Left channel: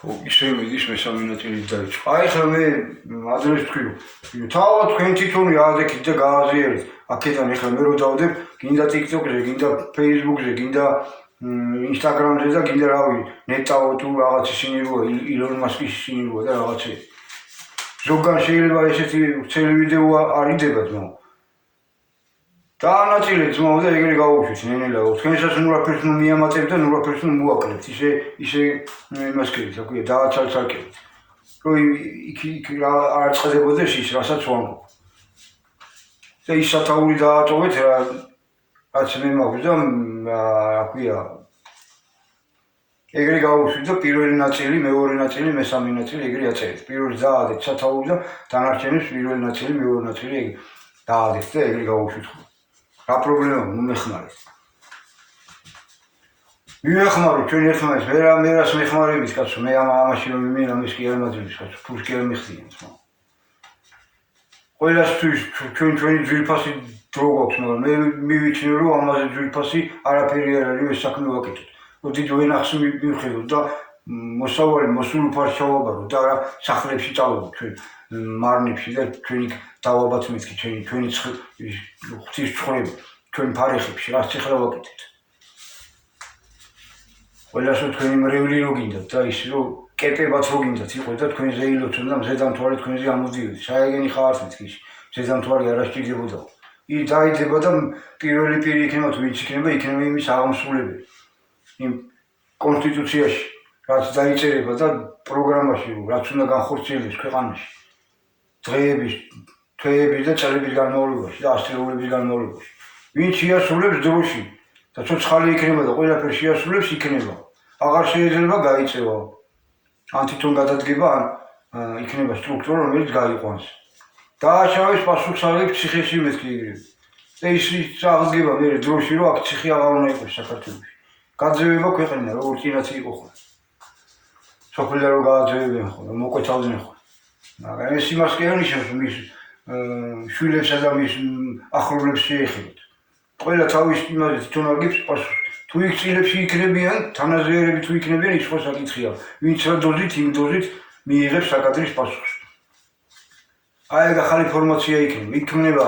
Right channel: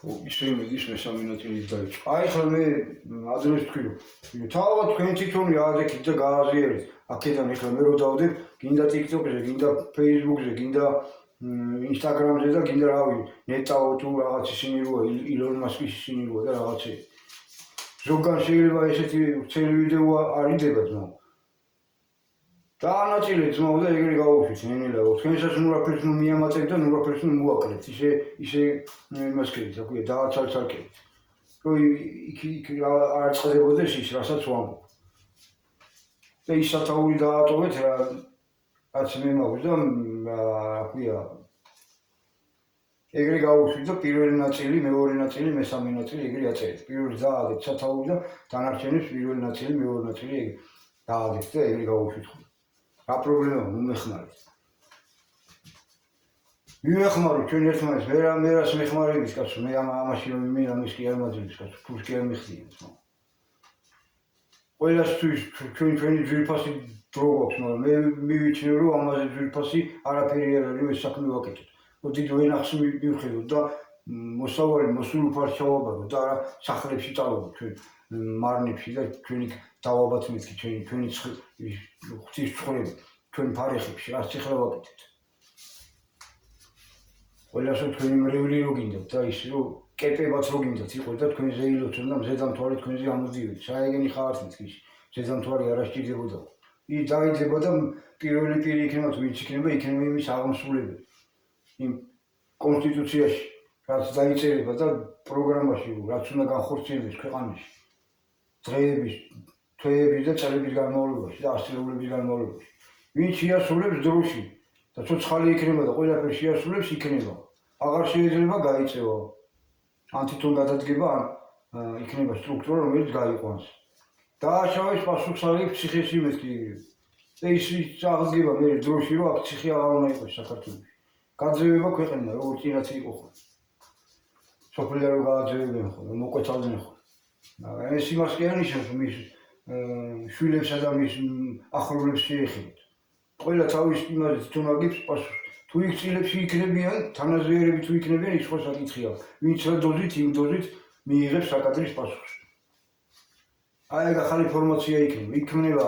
ისე მიდის მესამე ნაწილი დაიწყო. აი ხა მე ადრეს თქვი, თავად თქვენ თვითონი აადექით და გააზიარეთ. აქედან ეხლა მე რო დავდებ, გინდა TikTok-ზე, გინდა Facebook-ზე, გინდა Instagram-ზე და გინდა რავი, ნეტავო თუ რაღაც ისინი როა, ილონ მასკის ისინი როა და რაღაცები. ზოგან შეიძლება ესეთი ცელი ვიდეო არიდება ძმაო. დაანაწილეთ ძმაო და ეგრე გავუშვით ნენელა. თქვენსაც ნურაფერს ნუ მიამატებთ და ნურაფერს ნუ მოაკლებთ. ისე იმას კეთეთ, რა ქვია, დააცალცალკებით. რომ იქ არ წყდებოდეს ის, რასაც ვამბობ. და ის სათაური დაატოვეთ რაც მე მაქვს და რა ქვია ეგრე გავუშვით და პირველი ნაწილი, მეორე ნაწილი, მესამე ნაწილი ეგრე აწერეთ. პირველი დაადეთ სათაური და დანარჩენებს პირველი ნაწილი, მეორე ნაწილი ეგრე დაადეთ და ეგრე გავუშვით. რა პრობლემაა, მომეხმარეთ. მივეხმაროთ ჩვენ ერთმანეთს, მე რას მეხმარებით კაცო, მე ამაში რომ მიმენა მის კი არ მაძლევს კაცო, ფულს კი არ მიხდიან თქო. ყველასთვის ჩვენი ძვირფასი დრო გვაქვს, მაგრამ მე მივიჩნევ რომ ამაზე ძვირფასი არაფერი არ არის, ეს საქმე ვაკეთოთ. რომ დიდ ვენახს მივხედოთ და მოსავალი მოსულუფარს ჩავაბაროთ და არა სახლებში წავედოთ ჩვენ მარნებში და ჩვენი დავაბათ მეთქი ჩვენი ღვთის ცხოვრება ჩვენ ფარეხებში რაც ეხლა ვაკეთეთ. ყველასო თქვენი მრევლი რო გინდათ და ის რომ კეპებად რო გინდათ იყო და თქვენ ზეილოცონ და მზედამთვარე თქვენზე ამოდიოდეთ. საეგენი ხართ მეთქი მზედამთვარი არ ასჭირდებოდა. დაიდება და პირველი პირი იქნება თუ ვინც იქნება იქნება იმის აღმსრულებელი. იმ კონსტიტუციაში რაც დაიწერება და პროგრამაში რაც უნდა განხორციელდეს ქვეყანაში დღეების, თვეების და წლების განმავლობაში და ასწლეულების განმავლობაში. ვინც შეასრულებს დროში და ცოცხალი იქნება და ყველაფერს შეასრულებს იქნება. აღარ შეიძლება გაიწევა. ან თვითონ გადადგება, ან იქნება სტრუქტურა, რომელიც გაიყვანს. დააშავეს პასუხისმგებელი ციხეში მეთქი ეგრევე. და ის აღდგება მე დროში რომ აქ ციხე აღარ უნდა იყოს საქართველოში. გაძევება ქვეყანა როგორც წინაც იყო ხოლმე. სოფლიდან რომ გააძევებენ ხოლმე, მოკვეთავდნენ ხოლმე. მაგრამ ეს იმას კი არ ნიშნავს რომ მის შვილებსა და მის ახლობლებს შეეხებათ. ყველა თავის იმაზე თვითონ აგებს პასუხს. თუ იქ წილებში იქნებიან, თანაზიერები თუ იქნებიან, ის სხვა საკითხია. ვინც რა დოზით, იმ დოზით მიიღებს საკადრის პასუხს. აი ეგ ახალი ფორმაცია იქნება. იქნება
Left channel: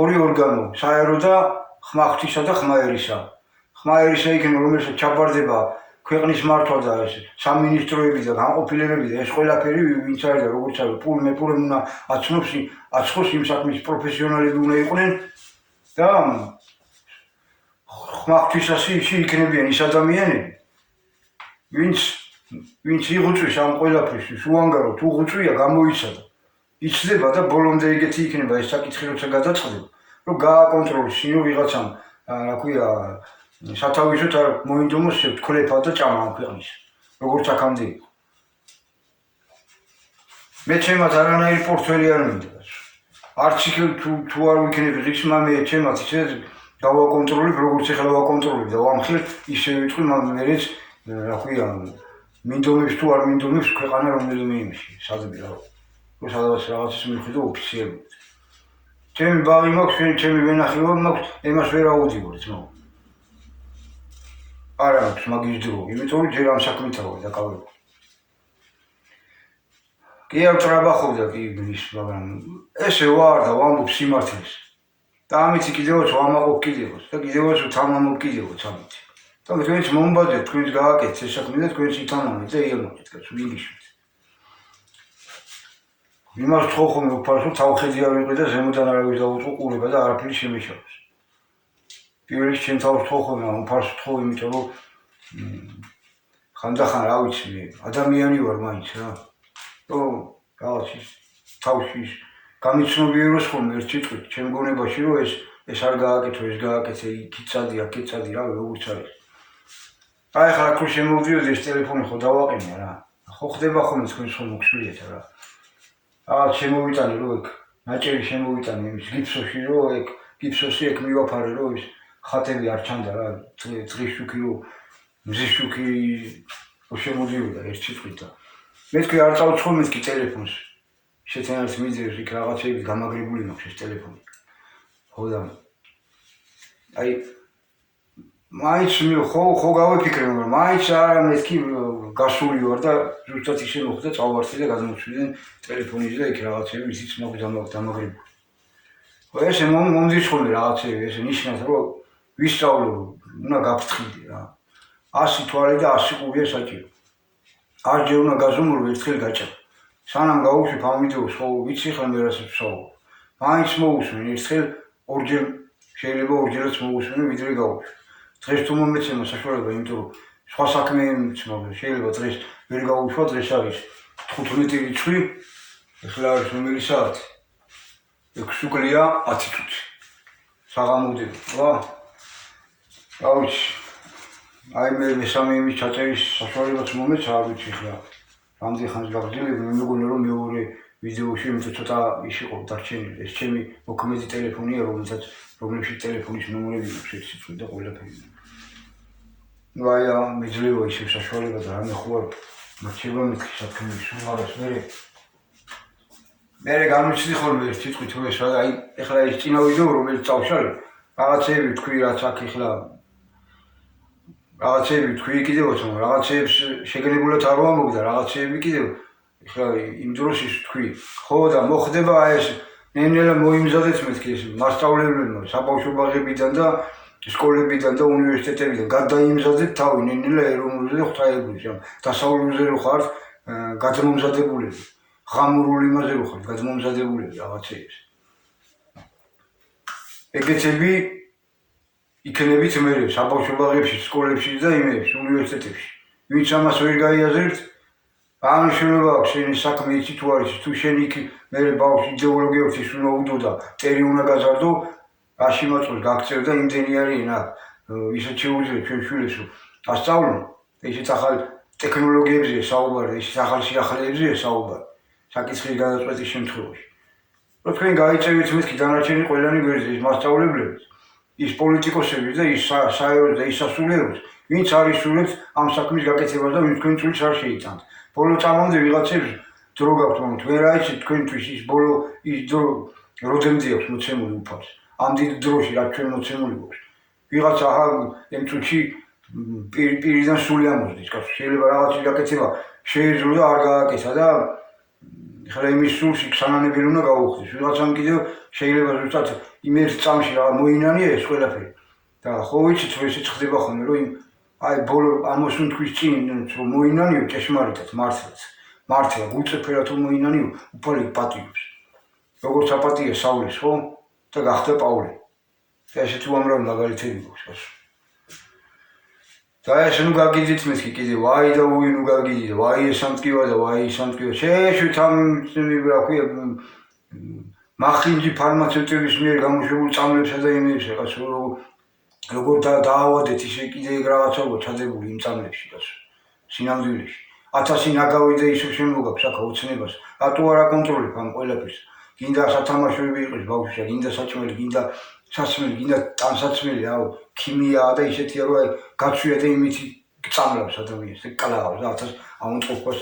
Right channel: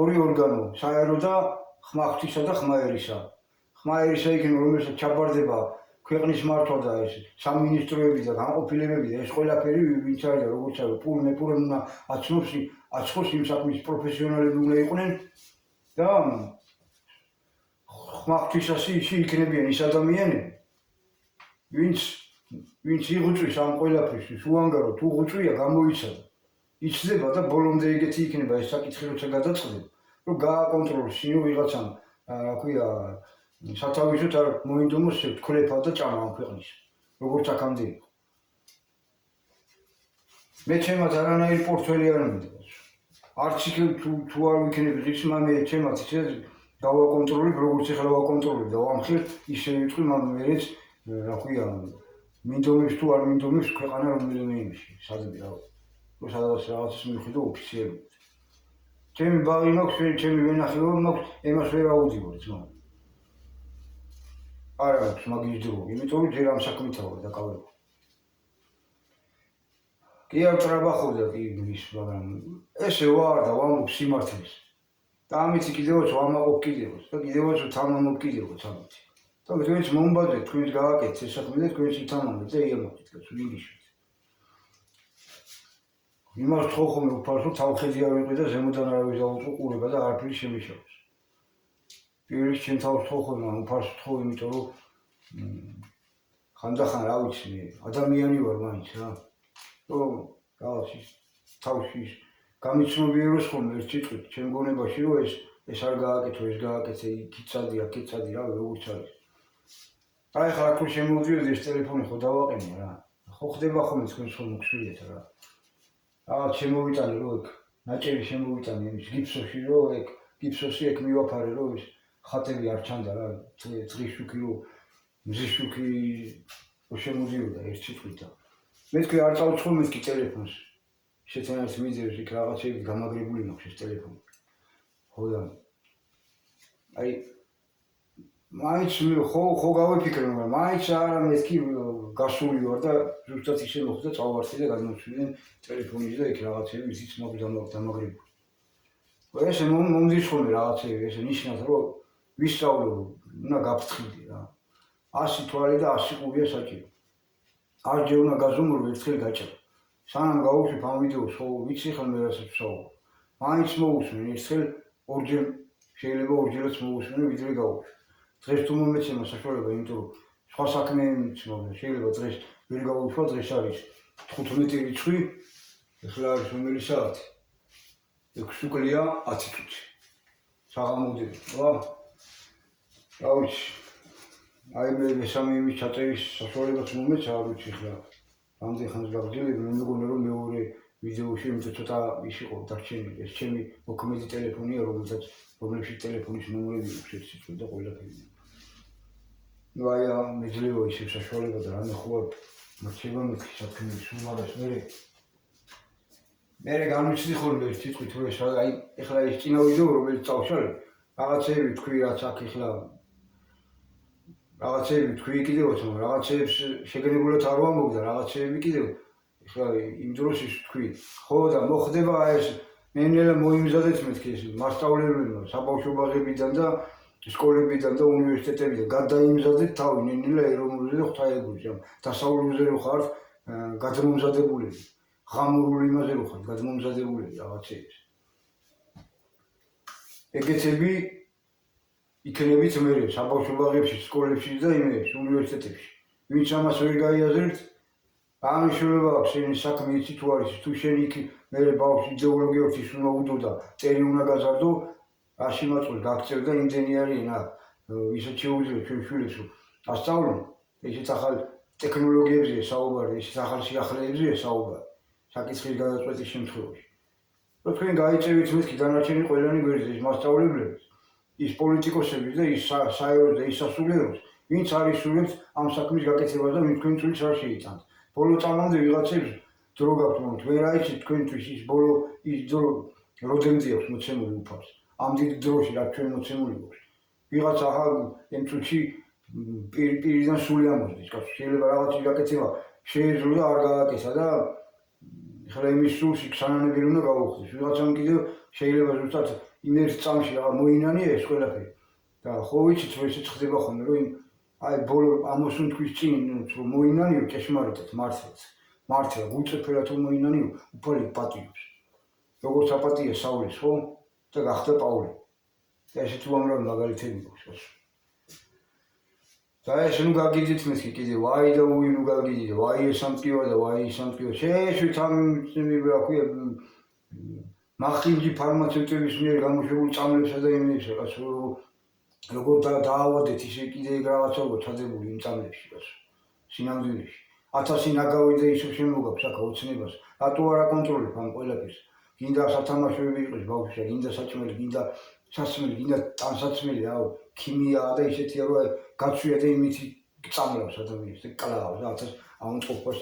ორი ორგანო, საერო და ხმახთისა და ხმაერისა. ხმაერისა იქნება, რომელსაც ჩაბარდება ქვეყნის მართვა და სამინისტროები და განყოფილებები და ეს ყველაფერი ვინც არის და როგორც არის პულმე უნდა აცხოს იმ საქმის პროფესიონალები უნდა იყვნენ და ხმახთვისას იქნებიან ის ადამიანები ვინც იღუწვის ამ ყველაფერს უანგაროდ უღუწვია გამოიცადა იცდება და ბოლომდე ეგეთი იქნება ეს საკითხი როცა გადაწყდება რომ გააკონტროლოს ისინი ვიღაცამ რა ქვია სათავისოთ არ მოინდომოს თქლეფა და ჭამა ამ ქვეყნის როგორც აქამდე იყო მე ჩემად არანაირი პორტფელი არ მინდა არც იქ თუ არ ვიქნები ღირსმა მე ჩემად ისე დავაკონტროლებ როგორც ეხლა ვაკონტროლებ და ვამხილ ისე ვიტყვი მერეც რა ქვია მინდომებს თუ არ მინდომებს ქვეყანა რომელიმე იმში სადმე რა სადაც რაღაცის მიხვიდო ოფიციალურად ჩემი ბაღი მაქვს ჩემი ვენახება მაქვს ემას ვერ აუდიოდი ძმაო არა აქვს მაგის დრო იმიტომ რომ ჯერ ამ საქმეთა ვარ დაკავებული კი არ ტრაბახობდა კი ის მაგრამ ესე ვარ და ვამბობ სიმართლეს და ამით კიდევაც ვამაყობ კიდევაც და კიდევაც ვთამამობ კიდევაც ამით და თქვენც მომბადეთ თქვენც გააკეთეთ ეს საქმე და თქვენც ითამამეთ და იამაყეთ კაცო ვიგიშვით იმას თქო ხომ უფარს რომ თავხედი არ ვიყრი და ზემოდან არავის დაუწყო ყურება და არაფერი შემეშალოს პირველი ჩემ თავს თქო ხომ უფარს თქო იმიტომ რომ ხანდახან რა ვიცი მე ადამიანი ვარ მაინც რა რომ რაღაც ის თავში გამიცნობიეროს ხოლმე ერთ სიტყვით ჩემ გონებაში რომ ეს არ გააკეთო ეს გააკეთე იქიცადი აქიცადი რა როგორც არის აი ხა აქ შემოვიდიოდი ეს ტელეფონი ხო დავაყენე რა ხო ხდება ხოლმე თქვენ ხო მოგშვიეთ რა რაღაც შემოვიტანე რომ ეგ ნაჭერი შემოვიტანე იმის გიფსოში რომ ეგ გიფსოში ეგ მივაფარე რომ ის ხატები არ ჩანდა რა წრიშუქი რომ მზიშუქი რო შემოდიოდა ერთ სიტყვით და მე თქვი არ წავცხო მეთქი ტელეფონს შეცენას ვიზიოს იქ რაღაცები გამაგრებული მაქვს ეს ტელეფონი ხო და აი მაინც ხო გავიფიქრე, მაგრამ მაინც არა მეთქი გასული ვარ და ზუსტად ისე მოხდა, წავარდი და გადმოვშვიდნენ ტელეფონից და იქ რაღაცები ისიც დამაგრებული. ესე მომდის ხოლმე რაღაცები, ესე ნიშნავს, რომ ვისწავლო, უნდა გაფრთხილდე რა. 100 თვალი და 100 ყურია საჭირო. არჯერ უნდა გაზომურო, ერთხელ გაჭამ. სანამ გავუშვებ ამ ვიდეოს, ხო ვიცი ხა მე რასაც ვსაუბრობ. მაინც მოусვენ, ერთხელ ორჯერ შეიძლება ორჯერაც მოусვენ, ვიდრე გავუშვებ. დღეს თუ მომეცემა საშუალება, იმიტომ რომ სხვა საქმე მიცნობ, შეიძლება დღეს ვერ გავუშვა, დღეს არის 15 რიცხვი, ახლა არის რომელი საათი? 6 უკლია 10 წუთი. საღამოდები, რა? რა ვიცი. აი მე მესამე იმის ჩაწერის საშუალებაც მომეცა, არ ვიცი ხა. რამდენი ხანს გავძლებ, მე მეგონა რომ მეორე ვიდეოში იმიტომ ცოტა ის იყო დარჩენილი. ეს ჩემი მოქმედი ტელეფონია, რომელშიც ტელეფონის ნომრები აქვს, სიცოცხლე და ყველაფერი. ну აი მეძლევა ისე საშუალება და რამე ხო არ მაჩება მეთქი საქმე სულ მაგას მე განვიცდი ხოლმე ერთ სიტყვით რომ ეს აი ეხლა ის წინა ვიდეო რომელიც წავშალე რაღაცეები თქვი რაც აქ ეხლა რაღაცეები თქვი კიდევაც მაგრამ რაღაცეებს შეგნებულად არ ვამბობ და რაღაცეები კიდევ ეხლა იმ დროს ის თქვი ხო და მოხდება აი ეს ნენელა მოიმზადეთ მეთქი ეს მასწავლებლებმა საბავშვო ბაღებიდან და სკოლებიდან და უნივერსიტეტებიდან გადაიმზადეთ თავი ნენელა ეროვნულზე და ღვთაებრივზე დასავლურზე რო ხართ გადმომზადებული ღამურული იმაზე რო ხართ გადმომზადებული რაღაცეებს ეგეცები იქნებით მე საბავშვო ბაღებში სკოლებში და იმებში უნივერსიტეტებში ვინც ამას ვერ გაიაზრებთ ამ შეიძლება აქვს შენი საქმე იცი თუ არის თუ შენ იქ მე ბავშვი იდეოლოგიებს ის უნდა უდო და წერი უნდა გაზარდო რაში მოწყვეტ გაქცევ და იმდენი არის რა ისეთ შეუძლია ჩვენ შვილებს ასწავლო ისეთ ახალ ტექნოლოგიებზე საუბარი ისეთ ახალ სიახლეებზე საუბარი საკითხის გადაწყვეტის შემთხვევაში რო თქვენ გაიწევით მეთქი დანარჩენი ყველანი გვერდზე ის მასწავლებლები ის პოლიტიკოსები და ის საერთოდ და ის სასულიეროები ვინც არის სულებს ამ საქმის გაკეთებას და ვინც თქვენ წვლილს არ შეიტანთ ბოლო წამამდე ვიღაცებს დრო გაქვთ მაგრამ თქვენ რა იცით თქვენთვის ის ბოლო ის დრო როდემდე აქვს მოცემული უფალს ამ დიდ დროში რაც ჩვენ მოცემული გვაქვს ვიღაცა იმ წუთში პირიდან სული ამოსდის კაცო შეიძლება რაღაცის გაკეთება შეეძლო და არ გააკეთა და ხლა იმის სულში სანანებელი უნდა გაუხდეს ვიღაცამ კიდევ შეიძლება ზუსტად იმ ერთ წამში რა მოინანია ეს ყველაფერი და ხო ვიცით რომ ესე ხდება ხოლმე რომ იმ აი ბოლო ამოსუნ თვის წინ რომ მოინანიო ჭეშმარიტად მართლა გულწრფელად რომ მოინანიო უფალი პატიობს როგორც აპატია საულის ხო და გახდა პავლე და ესეთი უამრავი მაგალითები გვაქვს და ეს ნუ გაგიძით მეთქი კიდე ვაი და უი ნუ გაგიძით ვაი ეს სამტკივა და ვაი ის სამტკივა შეეშვით ამ რა ქვია მახინჯი ფარმაცევტების მიერ გამოშვებულ წამლებსა და იმებსა კაცო როგორ დაავადეთ ისე კიდე რაღაცა ჩადებული იმ წამლებში კაცო სინამდვილეში 1000 ნაგავი და ისე შემოგაქვს აქ ოცნებას რატო არ აკონტროლებ ამ ყველაფერს გინდა სათამაშოები იყოს ბავშვი გინდა საჭმელი გინდა სასმელი გინდა ტანსაცმელი აუ ქიმიაა და ისეთია რომ აი გაცვია და იმითი წამლავს ადამიანს და კლავს და 1000 აუნწყობას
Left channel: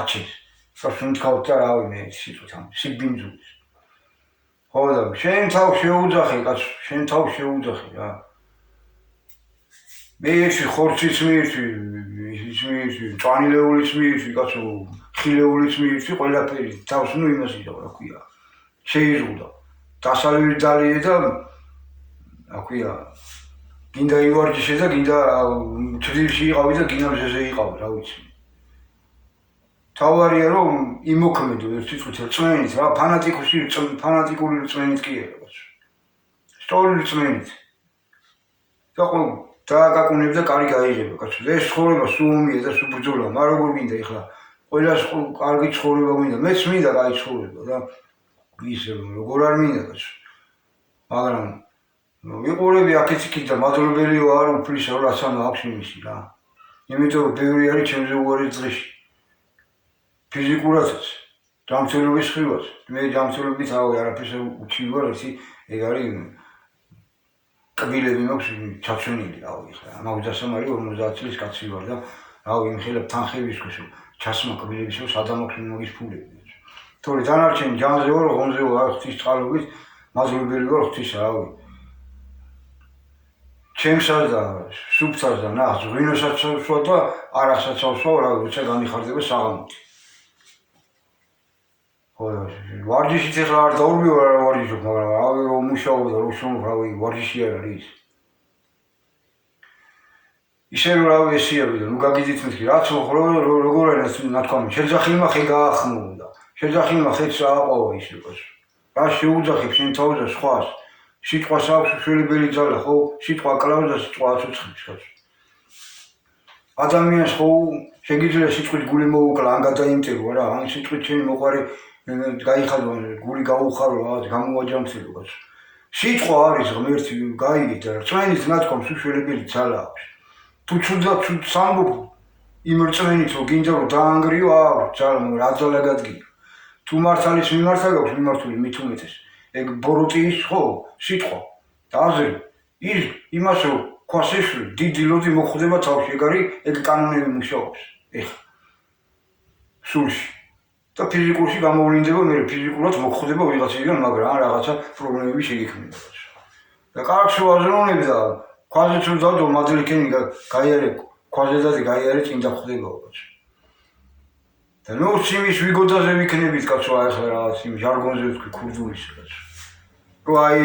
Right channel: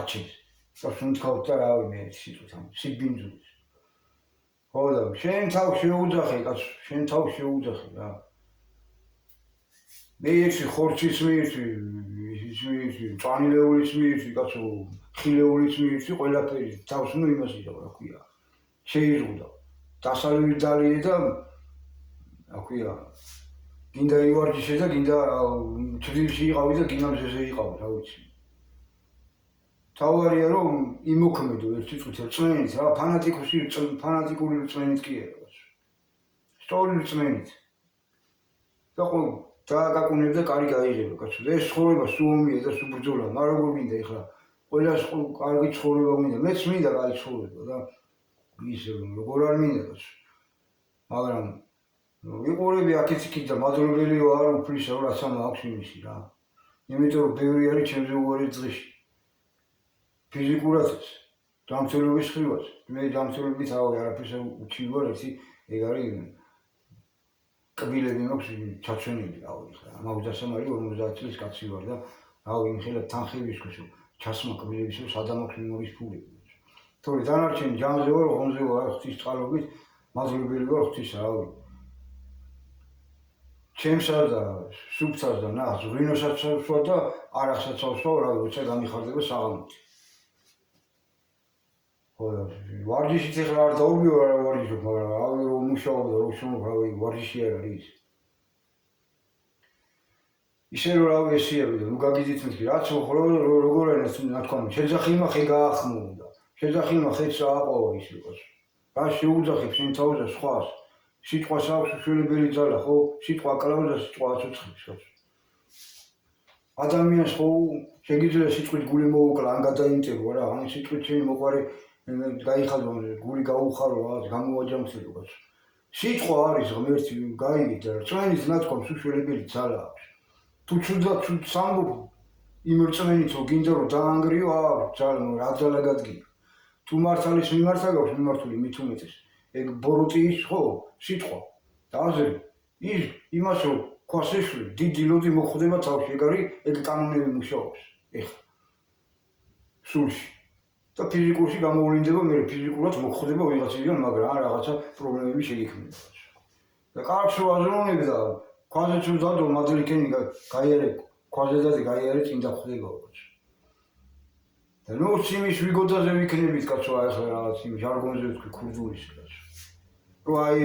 აჩენს სასუნთქავთ და რავი მე სიტყვით ამ სიბინძულის ხო და შენ თავ შეუძახე კაცო შენ თავ შეუძახე რა მე ეს ხორცის მიირთვი წვანილეულის მიირთვი კაცო ხილეულის მიირთვი ყველაფერი თავს ნუ იმას იდაო რა ქვია შეიზღუდა დასალევი ძალიე და რა ქვია გინდა ივარჯიშე და გინდა თბილისში იყავი და გინდა მზეზე იყავი რა ვიცი თავარია რომ იმოქმედო ერთ სიტყვით რწმენით რა ფანატიკური რწმენით კი არა სწორი რწმენით და ხო დააკაკუნებ და კარი გაიღება კაცო ეს ცხოვრება სუომია და სუბრძოლა მაგრამ როგორ გინდა ეხლა ყველას კარგი ცხოვრება გინდა მეც მინდა კაი ცხოვრება და ისე როგორ არ მინდა კაცო მაგრამ ვიყურები აქეთ იქით და მადლობელი ვარ უფლისა რომ რაც აქვს იმისი რა იმიტომ რომ ბევრი არის ჩემზე უარი დღეში ფიზიკურადაც ჯანმრთელობის ხრივაც მე ჯანმრთელობით არაფერს უჩივი ვარ ერთი ეგ არის კბილები მაქვს ჩაცვენილი რავი ხა 60-ი 50 წლის კაცი ვარ და რავი იმხელებ თანხების ქოსო ჩასმა კბილების რომ სადამოქმე მოგის ფულები თორე დანარჩენი ჯანზე ვარ ღონზე ვარ ღვთის წყალობით მადლობელი ვარ ღვთისა რავი ჩემსაც და სუფთას და ნახს ღვინოსაც ვსვა და არახსაც ვსვა, როცა გამიხარდება საღამოთი. ხო, ვარჯიშით ახლა არ დაურბიო რა ვარჯიშობ, მაგრამ რავი რომ მუშაობ და რომ შრომობ, რავი ვარჯიში არ არის. ისე რომ რავი ესიები და ნუ გაგიძით მეთქი, რაც როგორ არის ნათქვამი, შეძახილმა ხე გაახმოვდა. შეძახილმა ხეც ააყოვა ის იყოს. რა შეუძახებ შენ თავზე სხვას? სიტყვას აქვს უშველებელი ძალა, ხო? სიტყვა კლავს და სიტყვა აცოცხლებს კაცო. ადამიანს ხო შეგიძლია სიტყვით გული მოუკლა, ან გადაიმტერო რა, ან სიტყვით შენი მოყარე გაიხადო, გული გაუხარო, რაღაც გამოვაჯამცილო კაცო. სიტყვა არის ღმერთი, გაიგეთ და რწმენით ნათქვამს უშველებელი ძალა აქვს. თუ ცუდად სამბობ იმ რწმენით რომ გინდა რომ დაანგრიო, აქვს ძალა, მაგრამ რა ძალა გადგია. თუ მართალის მიმართა გაქვს მიმართული მით უმეტეს. ეგ ბოროტის ხო სიტყვა და აზრი ის იმას რომ ქვასეშვი დიდი ლოდი მოხვდება თავში ეგ არის ეგ კანონები მუშაობს ეხლა სულში და ფიზიკურში გამოვლინდება მე ფიზიკურად მოხვდება ვიღაციდან მაგრამ ან რაღაცა პრობლემები შეგექმნება და კარგს ვაზროვნებ და ქვაზე თუ დავდო მადლიქენი გაიარე ქვაზე და გაიარე წინ დახვდება კაცო და ნუ სიმის ვიგოდაზე ვიქნებით კაცო ახლა რაღაც იმ ჟარგონზე ვთქვი ქურდულის კაცო რომ აი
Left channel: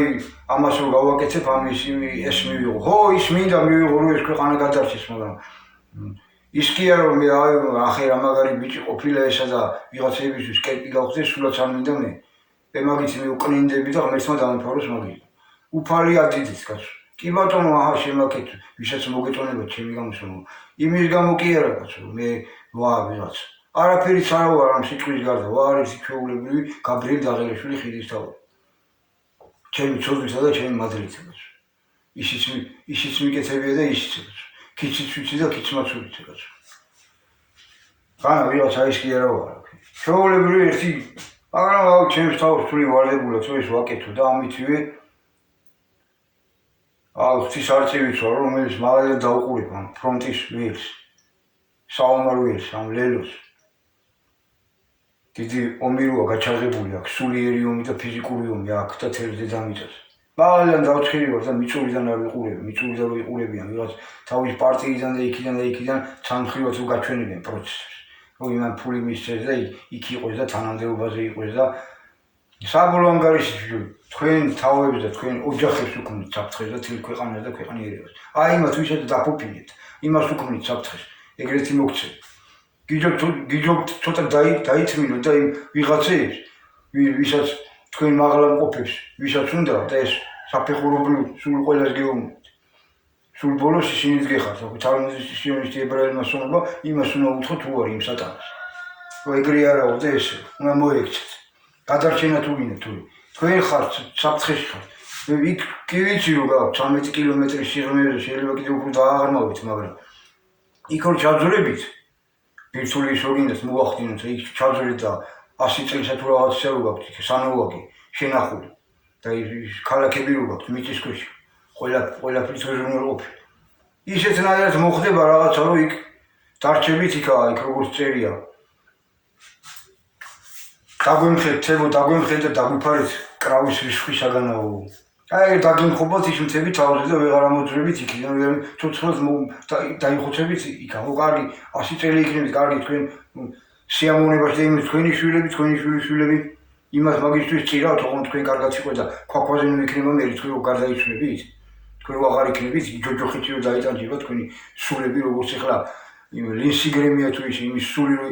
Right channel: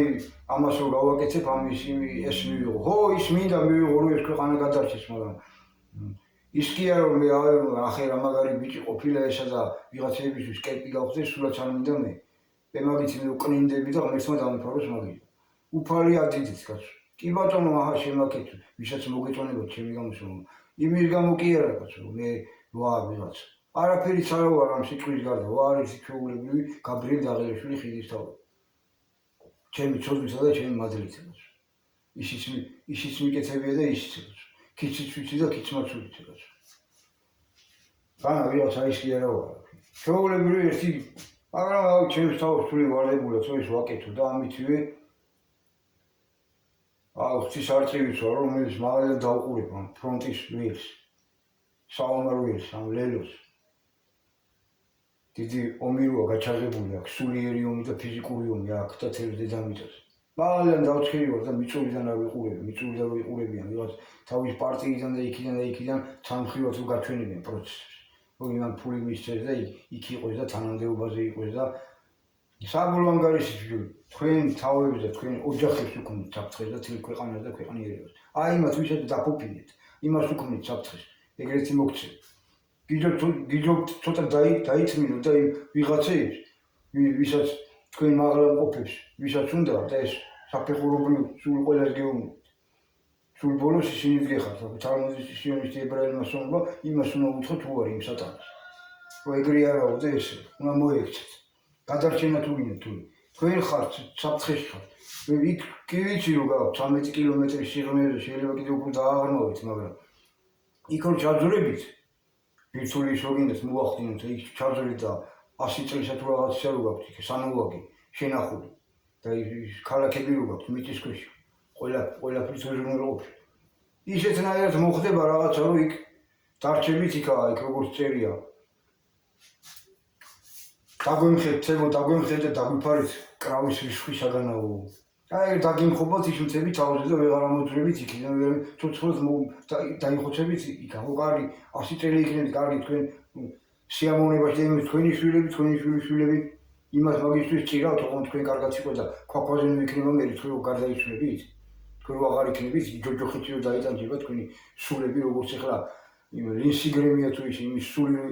ამას რომ გავაკეთებ ამის ეს მივიღო ხო ის მინდა მივიღო რომ ეს ქვეყანა გადარჩეს მაგრამ ის კი არა რომ მე აი ახლა რა მაგარი ბიჭი ყოფილა ესა და ვიღაცებისთვის კერპი გავხდეს სულაც არ მინდა მე მაგით მივყნინდები და ღმერთმა დამიფაროს მაგით უფალი ადიდით კაცო კი ბატონო აჰა შემაკეთ ვისაც მოგეწონება ჩემი გამოსვლა იმის გამო კი არა კაცო მე ვა ვიღაც არაფერიც არა ვარ ამ სიტყვის გარდა ვარ ის ჩვეულებრივი გაბრიელ დაღელეშვილი ხიდის თავი ჩემი ცოდვისა და ჩემი მადლით კაცო ისიც მიკეთებია და ისიც კაცო ქიციც ვიცი და ქიცმაც ვიცი კაცო ხანა ვიღაც არის კი არა ვარ ჩვეულებრივი ერთი მაგრამ აუ ჩემს თავს თვლი ვალდებულად რომ ეს ვაკეთო და ამითვე აუ ღვთის არწივით ვარ რომელიც მალე დაუყურებ ამ ფრონტის ვილს საომარ ვილს ამ ლელოს დიდი ომი როა გაჩაღებული აქვს სულიერი ომი და ფიზიკური ომი აქ და თელ დედამიწაზე მალე დავწერი ვარ და მიწურიდან არ ვიყურები მიწურიდან ვიყურებიან ვიღაც თავის პარტიიდან და იქიდან ცამხრივად უგაჩვენებენ პროცესს რომ იმან ფული მისცეს და იქ იყოს და თანამდებობაზე იყოს და საბოლოო ანგარიშში თქვენ თავებს და თქვენ ოჯახებს უქმნით საფრთხეს და თელ ქვეყანას და ქვეყანიერებას აი იმათ ვისაც დაფუფინეთ იმას უქმნით საფრთხეს ეგრეთი მოგცეთ გიჯობთ ცოტა დაითმინოთ და იმ ვიღაცებს ვისაც თქვენ მაღლა მყოფებს ვისაც უნდა და ეს საფეხურობრივ სულ ყველას გეუბნებით სულ ბოლოს ისინიც გეხართ თალმუდის სიონისტი ებრაელმა სულობა იმას უნდა უთხრათ თუ არის იმ სატანას რომ ეგრე არაო და ესე უნდა მოექცეთ გადარჩენა თუ გინდა თუ თქვენ ხართ საფრთხეში ხართ იქ კი ვიცი რომ გაქვთ 13 კილომეტრის სიღრმეზე შეიძლება კიდევ უფრო დააღრმავით მაგრამ იქ რომ ჩაძვრებით ბირთული ის რო გინდათ მოვახდინოთ იქ ჩაძვრით და 100 წელსა თუ რაღაცა რო გაქვთ იქ სანოვაკი შენახული და ის ქალაქები რო გაქვთ მიწისქვეშ ყველაფრის უზრუნველყოფი ისეთნაირად მოხდება რაღაცა რომ იქ დარჩებით იქაა იქ როგორც წერია დაგვიმხედეთ და დაგვიფარეთ კრავის რისხვი საგანაო აი დაგიმხობათ ის მთები თავზე და ვეღარ ამოძვრებით იქიდან ვერ ცოცხლად დაიხოცებით იქ ხო კარგი 100 წელი იქნებით კარგი თქვენ სიამოვნებაში და იმის თქვენი შვილები იმას მაგისტრის ჭირავთ ოღონდ თქვენ კარგად იყო და ქვაქვაზე ნუ იქნება მე თქვენ რო გარდაიცვლებით თქვენ რო აღარ იქნებით ჯოჯოხეთში რო დაიტანჯება თქვენი სულები როგორც ახლა იმ ლინსი გრემია თუ ის იმის სული რო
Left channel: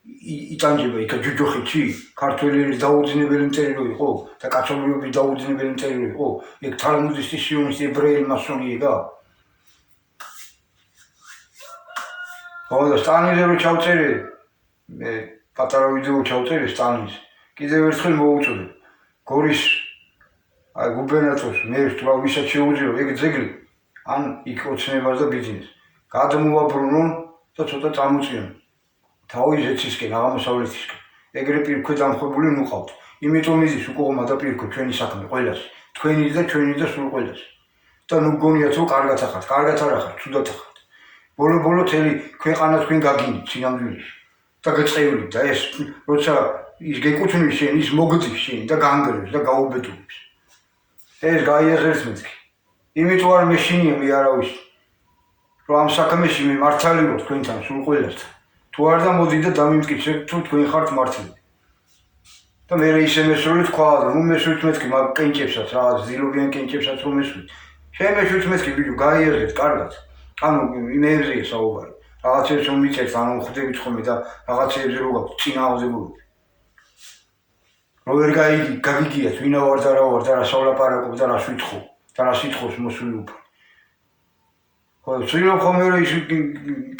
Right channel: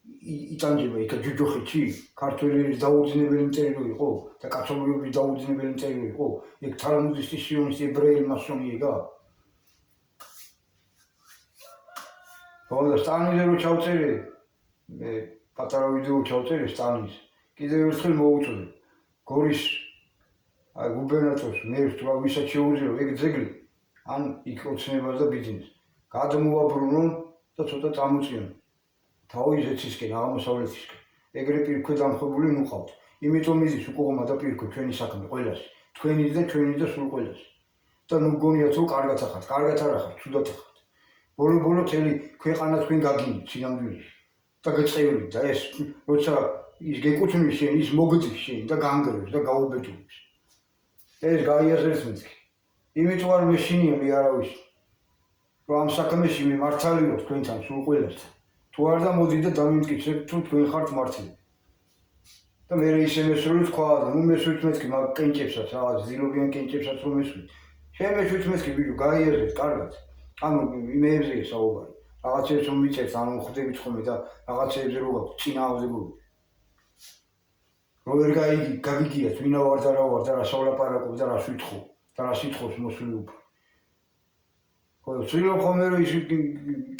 იტანჯება იქ ჯოჯოხეთში ქართველი დაუძინებელი მტერი რო იყო და კათოლიკების დაუძინებელი მტერი რო იყო ეგ თალმუდის სიონისტი ებრაელი მასონი იგა ხო და სტალინის რო ჩავწერე მე პატარა ვიდეო ჩავწერე სტალინის კიდევ ერთხელ მოუწოდე გორის აი გუბერნატორს მე ვთქვა ვისაც შეუძლია ეგ ძეგლი ან იქ ოცნებას და ბიზნეს გადმოაბრუნონ და ცოტა წამოწიონ თავის ეცისკენ აღმოსავლეთისკენ ეგრე პირქვე დამხვებული ნუყავთ იმიტომ იზის უკუღმა და პირქვე ჩვენი საქმე ყველას თქვენი და ჩვენი და სულ ყველას და ნუ გონიათ რომ კარგად ახართ არ ახართ ცუდად ახართ ბოლო თელი ქვეყანა თქვენ გაგინით სინამდვილეში და გეწყევლით და ეს როცა ის გეკუთვნის შენ ის მოგდის შენ და განგრევს და გაუბედურებს ეს გაიაზრებს მეთქი იმიტომ არ მეშინია მე არავის რომ ამ საქმეში მე მართალი ვარ თქვენთან სულ ყველასთან თუ არ და მოდი და დამიმტკიცე თუ თქვენ ხართ მართლები და მე ისე მესვრით თქვა რომ მესვრით მეთქი მაგ კენჭებსაც რაღაც ძილობიან კენჭებსაც რომ მესვრით შემეშვით მეთქი ბიჭო გაიაზრეთ კარგად ანუ იმეებზეა საუბარი რაღაცებს რომ მიწერთ ანუ ხვდებით ხოლმე და რაღაცებზე რო გაქვთ წინააღმდეგობები რომ ვერ გაგიგიათ ვინა ვარ და რა ვარ და რას ვლაპარაკობ და რას ვითხოვ და რას ითხოვს მოსული უფალი ხო ცდილობ ხოლმე რომ ის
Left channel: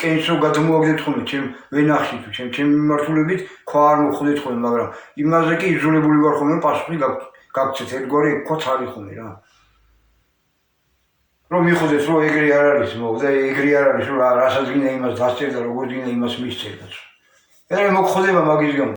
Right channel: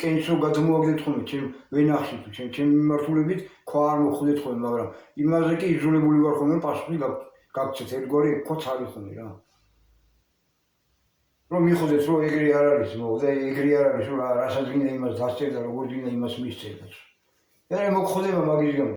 კენჭს რო გადმოაგდეთ ხოლმე ჩემ ვენახში თუ ჩემ მიმართულებით ქვა არ მოხვდეთ ხოლმე მაგრამ იმაზე კი იძულებული ვარ ხოლმე რომ პასუხი გაგცეთ ერთგვარი ქვაც არის ხოლმე რა რომ მიხვდეთ რომ ეგრე არ არის და ეგრე არ არის რომ რასაც გინდა იმას დასწერ და როგორ გინდა იმას მისწერ და მე მოგხვდება მაგის გამო